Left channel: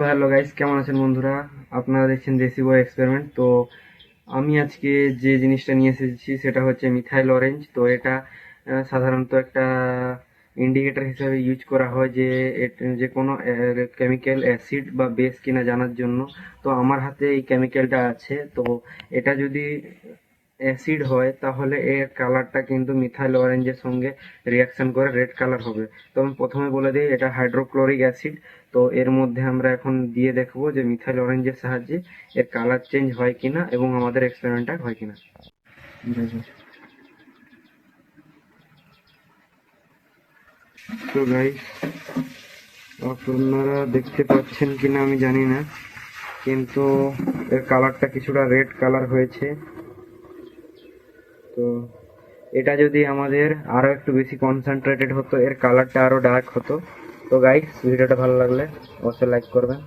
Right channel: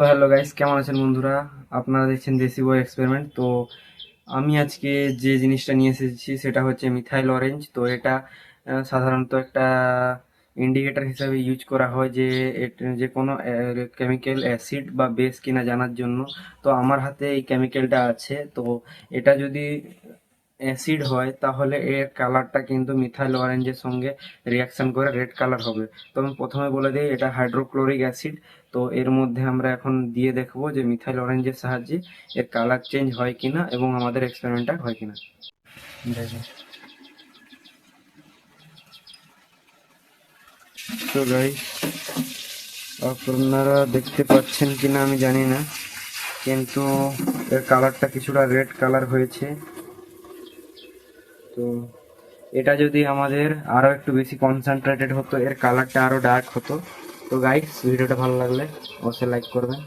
তো hello guys, কেমন আছেন বন্ধুরা? আপনারা দেখছেন দেশি বয় এক্সপেরিমেন্ট। তো আমি আজকে যে জিনিসটা নিয়ে এসেছি সেটা হচ্ছে মিথাইল অরেঞ্জ। তো এটা সাধারণত একটা ইন্ডিকেটর হিসাবে ইউজ করা হয় যে কোনো কেমিক্যাল অ্যাসিড বা বেস কিনা জানার জন্য। তো আমার হাতে এই কেমিক্যালটা আছে। তো এটা যদি অ্যাসিড হয় তাহলে এর কালারটা কিন্তু মিথাইল অরেঞ্জের সঙ্গে রিয়াকশন করে রেড কালার হবে। তো আমি প্রথমে বলে দিই এটা হাইড্রোক্লোরিক অ্যাসিড। তো এর মধ্যে আমরা এখন দিয়ে দেখবো যে মিথাইল অরেঞ্জের সাহায্যে এর কালার চেঞ্জ হয় কিনা এবং আমাদের এক্সপেরিমেন্টটা হয় কিনা। তো গাইস, আপনারা দেখতে পাচ্ছেন কিনা আমি জানি না, কিন্তু এর কালারটা কিছুটা রেড কালার হয়েছে। তো এটা যদি আমাদের আরো একটু বেশি কনসেন্ট্রেটেড হতো, এর কালারটা আরো ডার্ক হতো। তো গাইস, ভিডিওটা ভালো লাগলে অবশ্যই লাইক করবেন।